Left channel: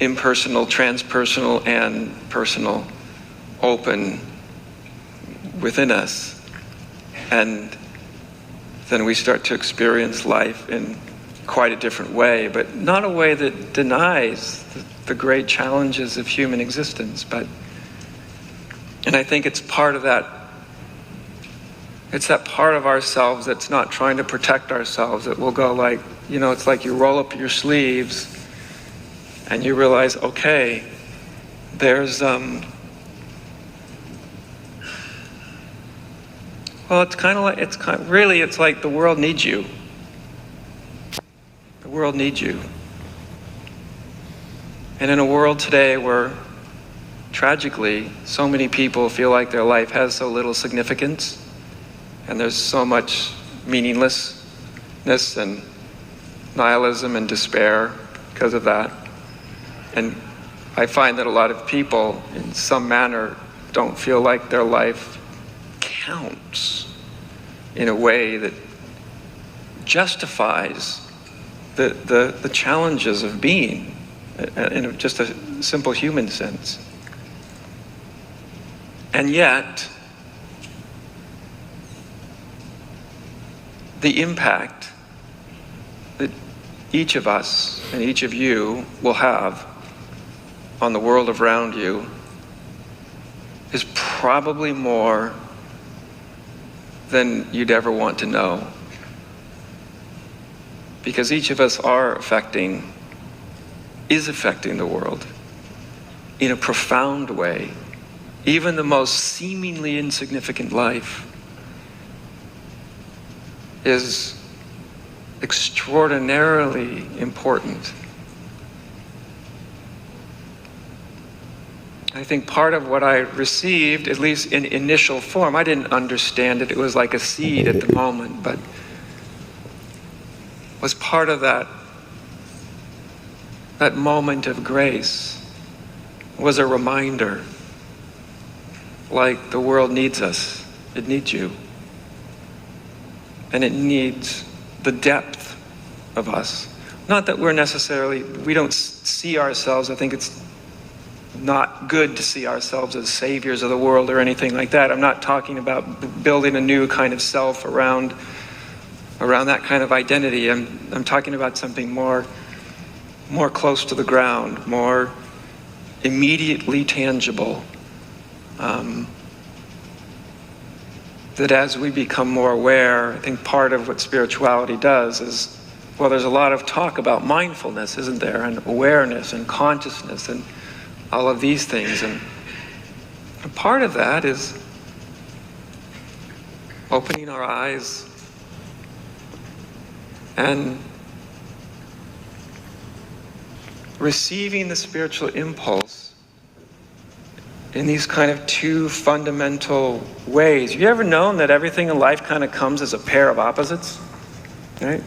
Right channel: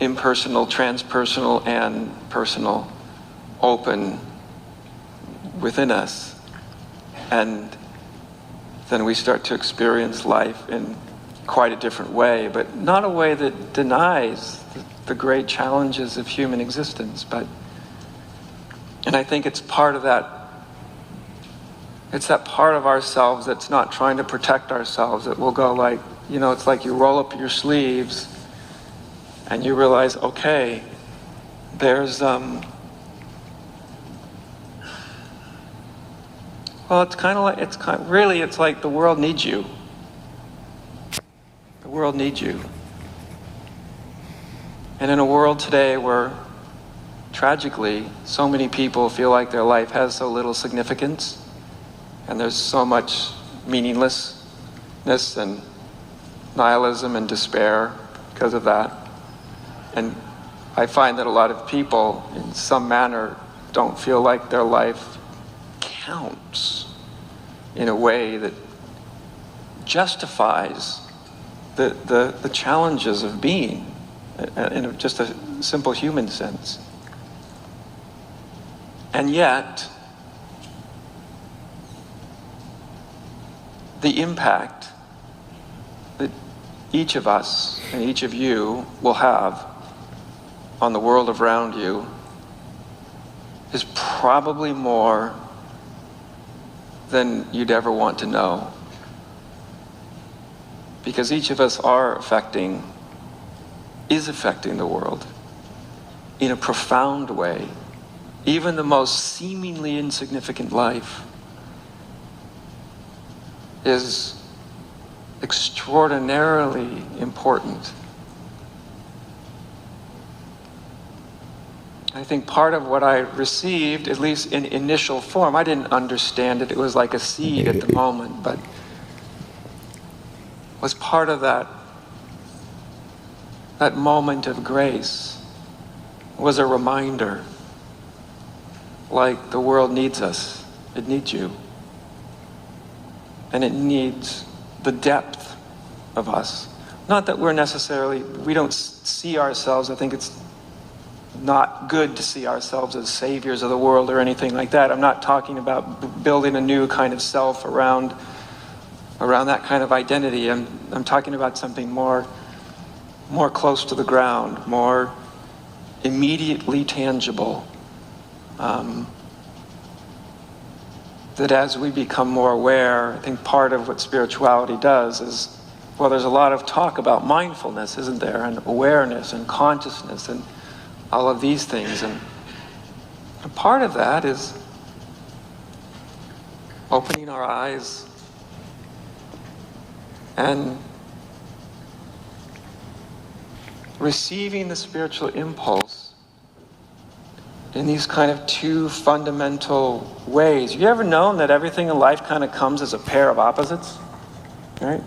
impersonal, transpersonal, and personal open within us. And then we start to experience life in quite a different way, but not a way that denies the great challenges of human existence. And I think it's part of that, it's that part of ourselves that's not trying to protect ourselves, that will go like, it's like you roll up your sleeves and you realize, okay, there's, well, it's like the world needs you. The world needs you. And in a world today where, tragically, so many people feel like their life has so little significance, and there's so much meaninglessness and nihilism and despair because of that. And I find that a lot of people, in some manner, don't feel like their life counts in a way that justifies the challenges of being in just a simple human sense. And yet, the impact that each of us and each of you will have on the world around you is probably more than you'd ever want to know. Because each of us is affecting the world in a profound way. Even the most seemingly insignificant life is extraordinarily important. I think part of what I received, at least in initial form, I didn't understand it. It was like a seed at the moment, but was part of that moment of grace, was a reminder, like the world needs us. It needs you. And it needs the depth of us. Not that we don't see ourselves, I think it's not good to see ourselves as saviors of the world or anything like that. I'm not talking about building a new kind of self around that kind of identity. I'm talking about something more close to the ground, more immediately tangible. That as we become more aware, I think part of what spirituality does is, well, there's a lot of talk about mindfulness, isn't there? And awareness and consciousness and all of these things. And a part of that is opening our eyes and receiving the spiritual impulse in these kind of two fundamental ways. Have you ever known that everything in life kind of comes as a pair of opposites? Right?